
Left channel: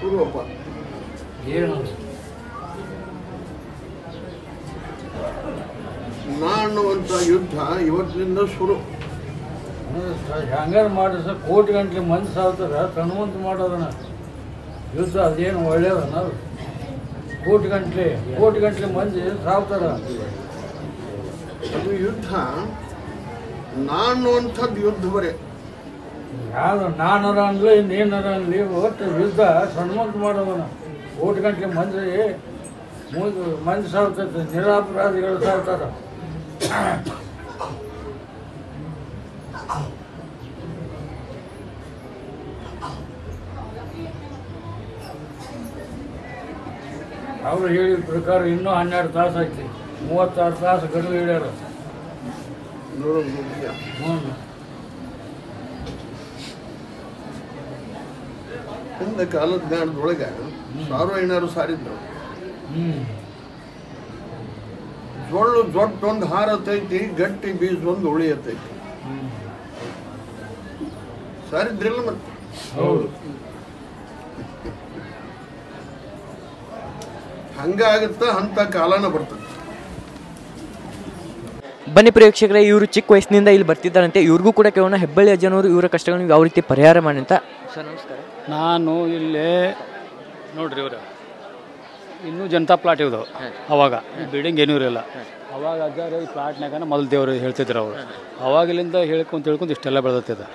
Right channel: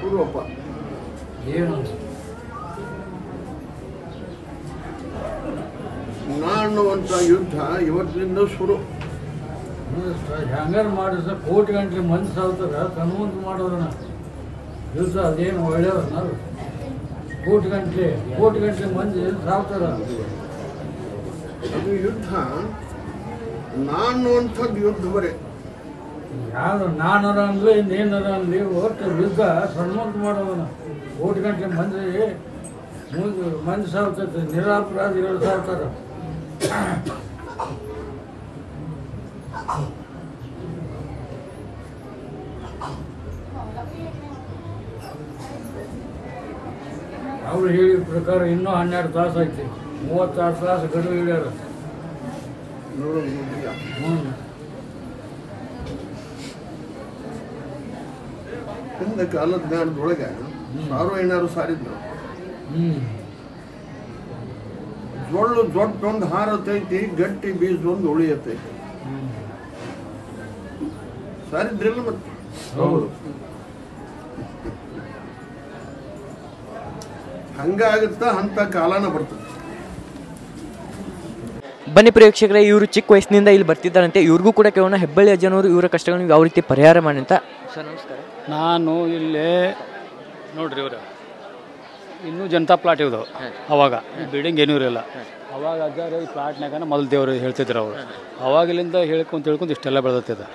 ಪೂರ್ವಪ್ಪ ಏನು ನಾ ಅನ್ನುವಂಥ ಯುದ್ಧ ಇವತ್ತಿನಿಂದ ಶುರು. ಹ್ಯಾಂಗಾರ ಮಾಡಿಸ ಕೋಟಿ ಗಂಟೆ ಮಂದಿ ಸಾವ್ತಾರ ಕಣ್ಮುಂದು ಮಾಡೋದನ್ನ ಯುದ್ಧ ಅದೇನು ಒಳ್ಳೆಯದನ್ನ ಅದು ಕೋಟಿ ಗಂಟೆ ಮಂದಿ ಸಾವ್ತಾರ. ಅದು ಯುದ್ಧ ನಾ ಅನ್ನುವಂಥದ್ದು ಯುದ್ಧ ಬರೇ ಯಾವ್ದು ನಾನರ ಅನ್ಲಿ ಇನ್ನೇನರ ಅನ್ಲಿ ಒಟ್ಟು ಯುದ್ಧ ಸಣ್ಮಂತ ಮಾಡೋದನ್ನ ಕೋಟಿ ಗಂಟೆ ಮಂದಿ ಸಾವ್ತೈತೆ ನಿರಾಪರಾಧಿಗಳು ಸಾವ್ತಾರ. ಅವರು ಹೇಳಿದ ಪ್ರಕಾರ ಇನ್ನೂ 12 ತಾಸು ಐತಿ, 36 ತಾಸು ಗಡುವು ಹೇಳ್ಯಾರ. ಹಿಂದೆ ಕಾಲದ ಜ್ಞಾನದೊಳಗೆ ಸಾರ್ವಜನಿಕರು ಸಾರಿದ್ರು. ಜೊಳ್ಳು ದೊಡ್ಡೊಂದು ಹಾರತೈತಿ, ಗಟ್ಟಿ ಬೀಜದೊಂದು ಉಳಿಯತೈತಿ. ಸಾರಿದ್ರಿಲ್ಲ ಮತ್ತೆ ಹೌದು. ಹಂಗಾಗುತ್ತಾ ಅಂತ ಕಾಲನ ಬರ್ತದೆ. ಬನ್ನಿ ಪ್ರೇಕ್ಷಕರೇ, ಇವರು ಚಿಕ್ಕ ವಯಸ್ಸಿನಿಂದ ಇಲ್ಲಿ ಬರ್ತಿದ್ದಾರಂತೆ. ಇವ್ರಿಗೂ ಕೂಡ ಕೇಳೋಣ ಹೆಬ್ಬಳ್ಳಿ ಅಜ್ಜನವರು ಇವರ ಕಷ್ಟಗಳನ್ನು ಯಾವ ರೀತಿ ಪರಿಹಾರ ಮಾಡಿ ಅಂತ. ಸರ್ ನಮಸ್ಕಾರ. ನಾನು ಇಲ್ಲೇ ನೋಡ್ರಿ ಇವರು ಇನ್ನೂ ಜನತಾ ಪ್ಲಾಟ್ ಇವ್ದು. ಅವಾಗ ಈ ಬಿಲ್ಡಿಂಗ್ ಏನೂ ಇರಲಿಲ್ಲ. ಅವಾಗ ಅಜ್ಜಾರು ಈ ಪ್ಲಾಟ್ನಾಗ ಮೊದಲು ದೇವರು ಹೇಳ್ತಿದ್ರು ಅವರು. ಅವಾಗಿಲ್ಲಿಂದ ಹೇಳ್ಕೊಂತ ಇಷ್ಟೆಲ್ಲ ಬೆಳೆದತ್ತಿದೆ.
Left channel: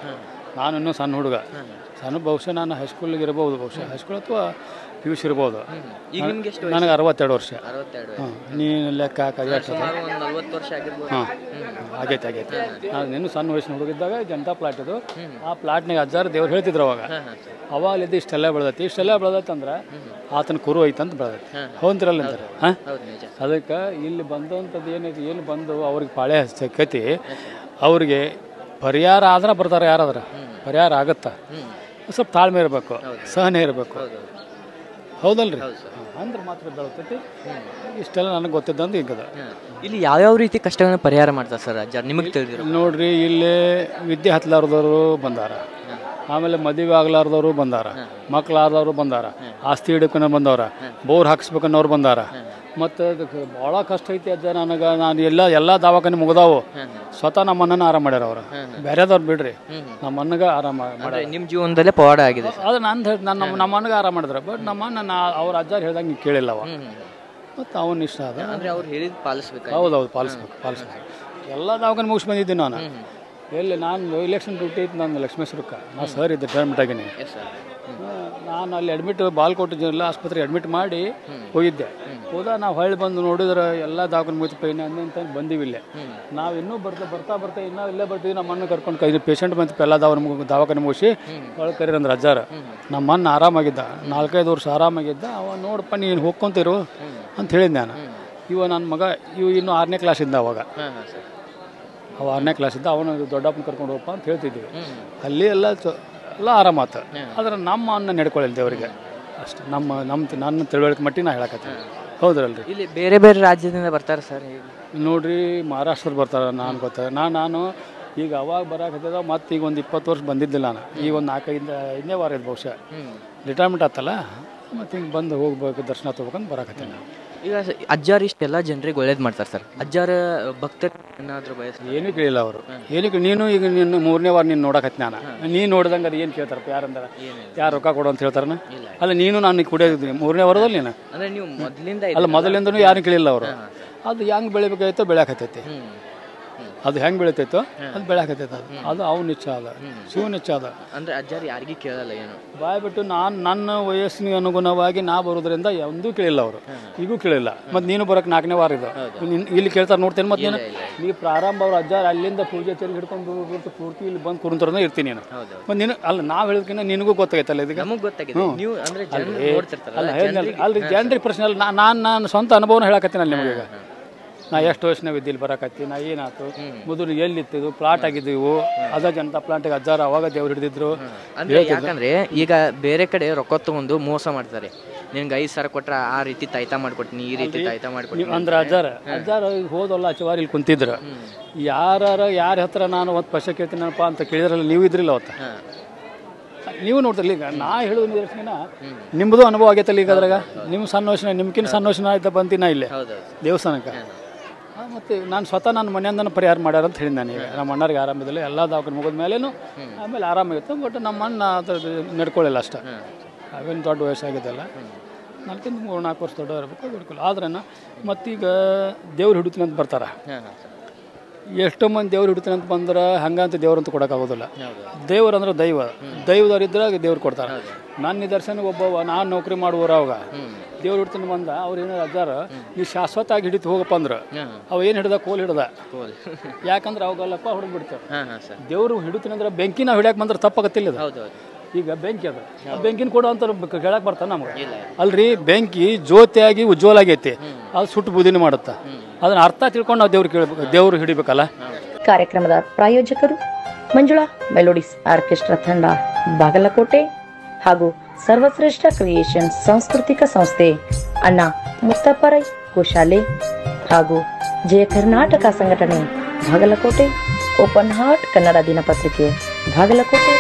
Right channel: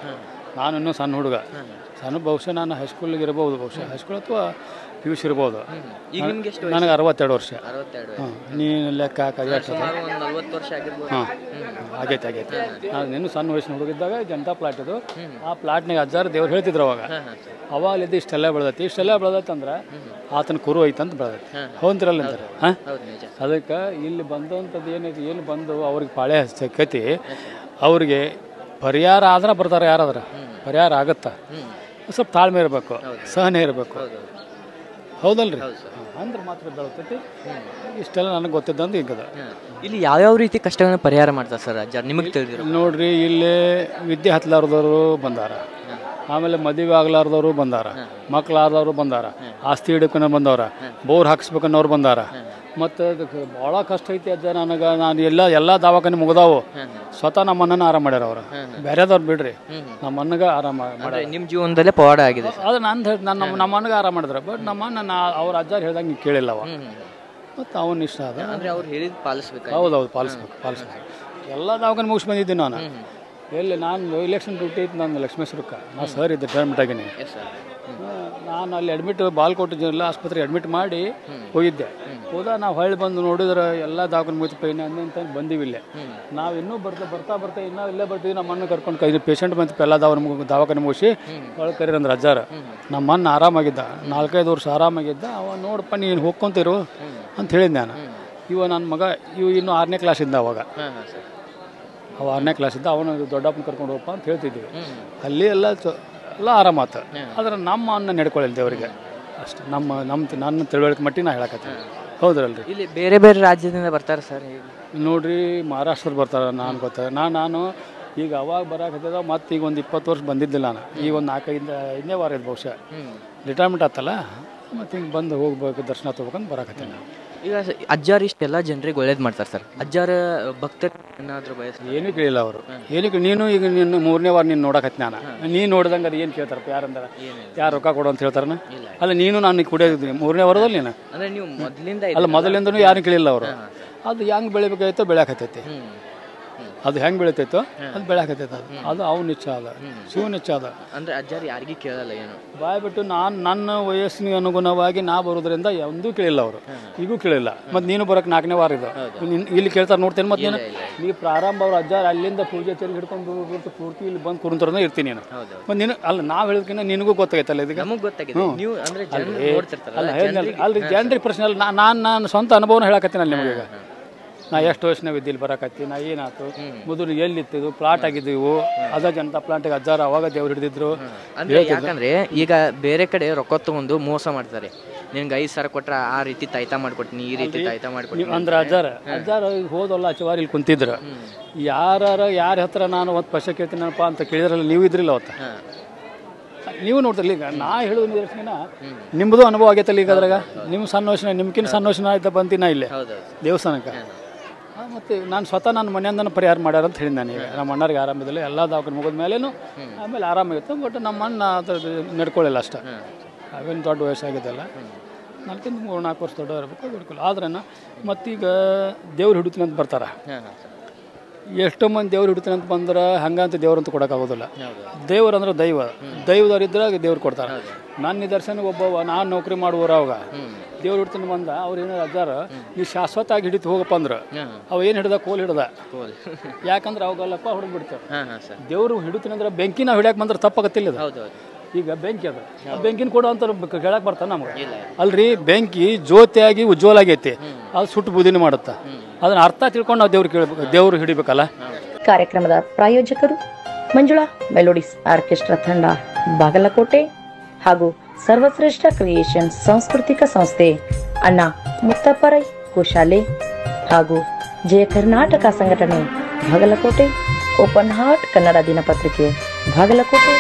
ನಾನು ಇನ್ನೂ ಸಣ್ಣ ಹುಡುಗ, ಬಹುಶಃ ನಾನು ಹೈಸ್ಕೂಲಿಗೆ ಇರ್ಬೋದು, ಹೈಸ್ಕೂಲ್ ಅಥವಾ PUC ಇರ್ಬೋದು. ನನಗೆ 62 ವರ್ಷ. ನೀನು ಲೆಕ್ಕ ಹಾಂ ಆಗೈತೆ. ನಾನು ಇನ್ನೂ ಸಣ್ಣ ವಯಸ್ಸಿನ ಹುಡುಗಿದ್ದಾಗ ಜನತಾ ಪ್ಲಾಟ್ ಇದು. ಆ ಪ್ಲಾಟ್ನಾಗ ಅಜ್ಜಾರು ದೇವ್ರು ಹೇಳ್ತಿದ್ರು ಅವಾಗಲಿದ್ದು ಇಷ್ಟೆಲ್ಲ ಬೆಳೆದೈತೆ ಅಂದ್ರೆ ಆತನ ಕುರು ಐತಂತ ಬೆಳೆದೈತಿ. ಹೌದ್ರಲ್ಲ ಅಂತಾರೆ. ಅದಕ್ಕೆ ಇಲ್ಲಿ ಬಂದಂಥದ್ದು ಏನು ಬಂದು ಅವ್ರಿಗೆ ಪಾಳೆ ಹಚ್ಚಕತಿ, ಅವ್ರಿಗೆ ಪರಿಹಾರ ಆದ್ರೆ ಬರ್ತಾರೆ. ಯಾರಾದ್ರೆ ಪರಿಹಾರ ಆಗತ್ತಾ, ಸ್ವಲ್ಪ ತಾಳ್ಮೆ ಇರಬೇಕು, ಸಹನೆ ಇರಬೇಕು. ಹೌದಲ್ರಿ? ಅಂದ್ರೆ ಮಾತ್ರ ಬೆಳತೈತಿ. ಇಷ್ಟೆಲ್ಲ ನನಗೆ ಗೊತ್ತಿದ್ದಂದು ಈಗದ. ಇಲ್ಲಿ ಯಾವ್ಯಾವ ರೀತಿ ಕಷ್ಟಗಳನ್ನ ಪರಿಹಾರ ಮಾಡ್ತಾರೆ ಸರ್ ಅಜ್ಜಾರು ನಿಮಗೆ ತಿಳಿದಿರೋ? ನೋಡ್ರಿ, ಇಲ್ಲಿ ವಿದ್ಯೆ ಹತ್ತಲಾರ್ದವರು ಬಂದಾರ, ಆಮೇಲೆ ಮದುವೆ ಆಗ್ಲಾರ್ದವರು ಬಂದಾರ, ಮಕ್ಳಾರ್ದವರು ಬಂದಾರ, ಆಸ್ತಿ ಹಿಡ್ಕೊಂಡು ಬಂದವ್ರ, ಬೋರ್ ಹಾಕಿಸ್ಬೇಕನ್ನೋರು ಬಂದಾರ. ಮತ್ತು ಅದಕ್ಕೆ ಭಾಳ ಕಷ್ಟ ಐತಿ ಅಜ್ಜ ನನಗೆ. ನಾನು ಎಲ್ಲ ದವಾಖಾನೆ ಮುಗ್ದಾವು. ಸ್ವತಃ ನಮ್ಮ ಅಣ್ಣನ ಆರಾಮ ಮಾಡ್ಯಾರ ಅವರು. ಬೇರೆದವ್ರು ಬಿಡ್ರಿ, ನಮ್ಮ ಅಣ್ಣಗೆ ಆರಾಮ ಮಾಡ್ಯಾರ. ನಿಮ್ಮ ಜೀವನದಲ್ಲೇ ಪವಾಡ ಆಗಿದೆ ಅದು ನಮ್ಮ ಅಣ್ಣಗೆ ಆರಾಮ ಮಾಡಿದ್ರೆ. ಬಟ್ ನಮ್ಮ ಅಣ್ಣ ಅವ್ರ ಅಜ್ಜಾರು ಹೇಳ್ದಂಗೆ ಕೇಳಿಲ್ಲವ. ಮತ್ತು ಅವನು ಇಷ್ಟ ಅದ ಅಂದರೆ ಅವ್ರು ಹೇಳಿದ್ ಪಾಲಿಸ್ಬೇಕು. ಹೌದೌದು, ಪಾಲಿಸ್ಬೇಕು. ಎಲ್ಲ ದವಾಖಾನೆ ಮುಗಿಸಿ ಬಂದಿದ್ದೀನಿ ನಾನು. ಎಲ್ಲಿ ನಾನು ಇಲೆಕ್ಷನ್ ಡ್ಯೂಟಿ ಇತ್ತು ನಾನು ಲಕ್ಷ್ಮೇಶ್ವರಕ್ಕೆ. ನಾನು ಸರ್ ಇದ್ದೆ, ರಿಟೈರ್ಮೆಂಟ್ ಆಗಿನಿ. ನಾನು ಅಲ್ಲಿ ಅಡ್ಮಿಟ್ ಬಾಲ್ಕೋಟೆ ಜಿಲ್ಲಾ ಆಸ್ಪತ್ರೆಗೆ ಅಡ್ಮಿಟ್ ಮಾಡಿ ಹೋಗಿದ್ದೆ. ನಾವು ಹೊಳ್ಳಿ ಬಂದು ನೋಡಿದ್ರೆ ಎಲ್ಲ ದವಾಖಾನೆ ಮುಗಿತು, ಪೈನ್ ಅಂತ ಬಂದಿವಿಲ್ಲೇ. ನಾವು ಇನ್ನೂ ಬರ್ತಾ ಇನ್ನೂ ಇಲ್ಲೇ ಬರ್ತೀವಿ. ನಮ್ಮ ಅಣ್ಣ ಕರ್ಕೊಂಡು ಪೇಷಂಟ್ ಬಂತು, ಎಲ್ಲ ದವಾಖಾನೆ ಮುಗಿಸಿ ಒಳಗೆ ಕರೀರಂದ್ರೆ ಅಜ್ಜಾರ. ನಮ್ಮ ಅಣ್ಣ ಆರಾಮಾಗಿದ್ದ, 4-5 ವರ್ಷ ಆರಾಮಾಗಿದ್ದ. ಅವ ನೋಡಪ್ಪ ನೀನು ಹೋಗ್ಕೊಂತಿರು ಅಂತ ಹೇಳಿದ್ದೆ ನಾನು. ನನ್ನ ಮಗ ಇನ್ನೂ 6ನೇ ಕ್ಲಾಸ್ ಇದ್ದ ಅವಾಗ. 6ನೇ ಕ್ಲಾಸ್ ಇದ್ದ. ಅವನು ದೊಡ್ಡಪ್ಪನ ಕರ್ಕೊಂಡು ಹೋಗಪ್ಪ ಅಂತ ಹೇಳ್ತಿದ್ವಿ. ಅಲ್ಲಿ ಎಲ್ಲ ಎಲ್ಲ ಆರಾಮಾತು. ಆದ್ರೆ ನಮ್ಮ ಅನ್ನ ನಡ್ಕೊಳ್ಳಿಲ್ಲ ದೇವರಿಗೆ ಅಷ್ಟೇ. ನನ್ನ ತಿಳುವಳಿಕೆ ಮಟ್ಟಿಗೆ ನಾ ಹೇಳಕತ್ತೀನಿ. ಹೌದ್ರಲ್ರಿ. ಇಲ್ಲಿ ಬೇರೆ ಬೇರೆ ರಾಜ್ಯದಿಂದ ಬರ್ತಾರೆ ಸರ್. ನೋಡ್ರಿ ಮಹಾರಾಷ್ಟ್ರದಲ್ಲಿ ಬರ್ತಾರೆ. ನಾನು ಗೊತ್ತ ನಾನು ಈಗ ಅವಾಗ ಬರಾಕತ್ತಿದ ಮತ್ತು ಈಗ ಒಂದು 20 ವರ್ಷ ಬಂದಿದ್ದಿಲ್ಲ ನಾನು. ಈಗ ಒಂದು 4-5ನೇ ವಾರ ಇದು ಬಹುಶಃ ರಿಟೈರ್ಮೆಂಟ್ ಆತಲ್ಲ, ಮತ್ತು ಹಿಂಗೆ ಬಂದು ಹೋಗ್ಬೇಕು ದರ್ಶನ ತೊಗೋಬೇಕಂತ ಬರಾಕತ್ತೀನಿ ನಾನು. ಈಗ ಅಜ್ಜಾರು ಇಷ್ಟೆಲ್ಲ ಜನರಿಗೆ ಒಳ್ಳೇದು ಮಾಡ್ತಾರೆ ಸರ್. ಅಜ್ಜಾರ ಭಕ್ತರು ಏನಾದರೂ ಏನೂ ಕೇಳಿಲ್ಲ ಅವರು. ಏನಕ್ಕೆ ನೀನು ಈಗ ನಿನ್ನ 3ನೇ ವಾರ ನೀನು ನೋಡಕತ್ತಿ ನಾನು. ನೀನು ನೋಡ್ದಂಗೆ ಅದು ಏನು ಕೇಳ್ತಾರಪ್ಪ ಯಾರಂದ್ರೆ ಯಾರು ರೊಕ್ಕ ಕೊಡು ಅಂತ ಹೇಳ್ತಾರನ? ಅಲ್ಲ ನೀನು ನಾನು ಕುಡಿಯೋದಿದ್ದೀನಿ 3ನೇ ವಾರದಲ್ಲಿ ನೀನು ಅಂದರೆ ನೀವು ಮೊದಲಿಂದ ಅಲ್ಲ ಮೊದಲಿಂದನೂ ಯಾರು ಕೇಳಿಲ್ಲ ಅವರು. ಅದು ಹೆಂಗೆ ಬೆಳಿಬೇಕಾಯ್ತೋ ಬೆಳೆಯಕತ್ತೈತಿ. ಅದು ಹೆಂಗೆ ಬೆಳಿತೈತೋ ಅದು ಬೆಳೆಯಕತ್ತೈತೆ. ಅದು ಅವ್ನ ಇಚ್ಛೆ ಅದ, ಶಿವನ ಇಚ್ಛೆ ಅದ. ಅಂದರೆ ಅಜ್ಜಾರು ಯಾರಿಗೂ ಕೇಳಲ್ಲ ಏನು ಬಾಯ್ಬಿಟ್ಟು ನನ್ನ ವಯಸ್ಸಿನ ಅನುಗುಣವಾಗಿ ನಾ ಬರೋದ್ರಿಂದ ಒಂದೂ ಕೇಳಿಲ್ಲ ಅವರು, ಈಗೂ ಕೇಳಿಲ್ಲ. ಮತ್ತು ನೀನು ಬರೋಕೆ 4ನೇ ವಾರ ಇದು ಇಲ್ಲಿ ಕೇಳ್ತಾರೆ ನೋಡ್ತೇನೆ. ಮತ್ತು ನೀನು ಪ್ರಾರಂಭ ಅವ್ರು ಅಜ್ಜಾರು ಅಲ್ಲಿಂದ ಪೂಜೆ ತೆರಿಗೆ ಹಿಡ್ಕೊಂಡು ಪೂರ್ತಿ ಇಲ್ಲಿ ಬಂದು ಕುರುಂತರನೇ ಇರ್ತೀನಿ ನೀನು. ಮತ್ತು ನೀನು ಅಲ್ಲ ನಾವು ಹೇಳಿದ್ಕಿಂತ ನಿನಗೂ ಗೊತ್ತಾಗೈತಲ್ಲ ಇದಕ್ಕೆ. ನಮಗೆ ಗೊತ್ತಾಗಿದೆ ನೀವು ಅಂದರೆ ಅಲ್ರಿ ಜನರಿಗೆ ಪ್ರಶ್ನೆ ಅಲ್ಲ. ನಾನು ಸ್ವಂತ ಅನುಭವನ ಹೇಳಕತ್ತೀನಿ ಅಲ್ಲಿ ನಿಮಗೆ. ನಾ ಎಷ್ಟು ವಯಸ್ಸಿನಾಗ ಇದ್ದಿಲ್ಲಿ ಬರಕತ್ತಿ, ನಾ ಏನಾಯ್ತು ಮೊದಲು ಎಲ್ಲಿತ್ತಿದ್ದು ಪ್ಲಾಟ್ ಆಗಿದ್ದೀವು ಅದ ಜನತಾ ಪ್ಲಾಂಟಿಗೆ ಅಜ್ಜಾರ ಅವಾಗ ದೇವ್ರು ಹಿಡಿದಿದ್ರು. ಅಂದರೆ ಯಾಕಂದರೆ ಈಗ ಬೇರೆ ಕಡೆ ರೊಕ್ಕ ತಗೊಂಡು ಮೋಸ ಮಾಡ್ತಾರೆ. ನಿನ್ಗೆ 5,000 ಕೊಟ್ರೆ ಆ ರೀತಿ ತಾಯ್ತಾ ಮಾಡಿಕೊಡ್ತೀನಿ, ಈ ರೀತಿ ತಾಯ್ತಾ ಮಾಡಿಕೊಡ್ತೀನಿ ಅಂದ್ರೆ ಅಜ್ಜಾರ ಹೋದಲ್ಲ ಆಚೆವಾರ ಇಲ್ಲಿ ಕುಂತಿದ್ರು. ಯಾರ ಹತ್ರ ನಾನು ಒಂದು ಪೈಸೆ ಕೇಳ್ತೀನಪ್ಪ ಅಂತ ಕೇಳಿದ್ರಲ್ಲ, ನೀವು ಇದ್ರಿಲ್ಲ ಅವತ್ತು. ನೀವು ನೋಡ್ತಿರ್ಲಿ. ಈಗ ನಾ ಹೇಳೋದು ನಿದರ್ಶನ ನಿಮ್ಮದು ಅನುಭವ ಆಗೈತಲ್ಲ. ಈಗ ಅದ್ರಾಗ ನಿಮ್ಮ ಸಣ್ಣ ವಯಸ್ಸಿನ ನಿಮ್ಗಿನ ಸಣ್ಣ ವಯಸ್ಸಿನ ಆಯ್ತಾ ಬಂತೀನ ಇಲ್ಲೇ ದೇವಸ್ಥಾನಕ್ಕೆ. ಮತ್ತು ನಾನು ಸ್ವತಃ ನನ್ನ ಮನೆಯಿಂದನೂ ಪರಿಹಾರ ಮಾಡ್ಯಾರ ಅಂತ ಹೇಳಿ ನಾನು. ಈಗ ನಮ್ಮ ಅಣ್ಣರಿಗೆ ಆರಾಮಿದ್ದಿಲ್ಲ, ಎಲ್ಲ ದವಾಖಾನೆ ಮುಗಿದ ಮೇಲೇನು ಆಮೇಲೆ ಆರಾಮಾಗಿತ್ತು. ಬಟ್ ನಮ್ಮ ಅಣ್ಣ ಅದು ನಡ್ಕೊಳ್ಳಿಲ್ಲ ಅಷ್ಟೇ. ಅವೇನು ದೊಡ್ಡ ವಯಸ್ಸಾಗಿದ್ದಲ್ಲ, 4-4 ವರ್ಷ ದೊಡ್ಡ ಇರಬೇಕು ನಡ್ಕೊಳ್ಳಿ. ಆದ್ರೆ ಮತ್ತೀಗ ದೇವ್ರು ಹಿಡಿತೀನಿ ಅಂತ ಬರ್ತಾರೆ. ಎಷ್ಟೋ ಮಂದಿ ದೇವ್ರು ಹಿಡಿತೀನಿ ಅಂತ ಬಂದ್ರೆ ಹಂಗಂತ ದೇವ್ರಂತ ಕೊಡೋಕ್ಕಾಗೋದಿಲ್ಲ. ದೇವ್ರು ಅಂದ್ರೆ ದೈವದವ್ರಿದ್ರೆ ದೇವ್ರು ಕೊಡ್ತಾರೆ. ನನ್ನ ನಿದರ್ಶನ ಒಬ್ಬವ ನಾನು ನೌಕರಿ ಮಾಡುವವರು ಅವಾಗ ದೇವ್ರು ಹಿಡ್ತೀನಿ ಬಂದ. ಅವ್ರು ಏನಾರು ಅಜ್ಜಾರ ನೀವು ಶಾಶ್ವತ ಆಗಿ ಹಿಡಿತು ಹೋಗಪ್ಪ ಅಂದ್ರೆ ಅವ ಏನು ಹಿಡ್ದ ಕೋಲ್ ಹಿಡ್ದ. ಯಾಕಂದ್ರೆ ಅವಾಗಲ್ಲಪ್ಪ ಹೊಡೆದ್ಬಿಡ್ತಾರೆ. ದೇವ್ರು ಹಿಡಿತೀನಿ ಅಂದ್ರೆ ಬೆಂಕಿ ನಾವು ಹಿಡಿಯಕ್ಕೆ ಬಂದ್ರೆ ತಪ್ಪಾಗತ್ತಿಲ್ಲ. ಈಗ ಬೆಂಕಿ ಅದು ಬೆಂಕಿನ ಕೊಡು ಅಂತ ಕೇಳಕ್ಕೆ ಬರ್ತಾನೆ ನಮ್ಗೆ. ಅಲ್ರಿ ಬೆಂಕಿ ಜ್ಯೋತಿಯಾಗಿ ಉಜ್ವಲ ಆಗೈತಿ, ಅದು ಸುಟ್ಟು ಬೂದಿನ ಮಾಡುತ್ತೆ. ಅದನ್ನ ಅರ್ಥ ತಿಳ್ಕೊಂಡು ನಾವು ದೇವ್ರು ಹಿಡಿಬೇಕಲ್ಲ. ಕಾರ್ಯಕ್ರಮದ ಪ್ರಾಯೋಜಕರು ಮಂಜುಳಾ ಮೆಲೋಡಿಸ್ ಆರ್ಕೆಸ್ಟ್ರಾ ತಂಡ ಬಾಗಲಕೋಟೆ ಹಾಗೂ ಸರ್ವಶ್ರೇಷ್ಠ ಕ್ರಿಯೇಷನ್ ಸಾಂಸ್ಕೃತಿಕ ಸಂಸ್ಥೆ ಅಣ್ಣ ಮುತ್ತಪ್ಪರೈ ಗೋಶಾಲೆ ಹಾಗೂ ಜಯ ಕರ್ನಾಟಕ ಸಂಘಟನೆ ಬಾಗಲಕೋಟೆ, ಓಪನ್ ಹಾರ್ಟ್ ಕನ್ನಡ ದಿನಪತ್ರಿಕೆ ಬಾಗಲಕೋಟೆ.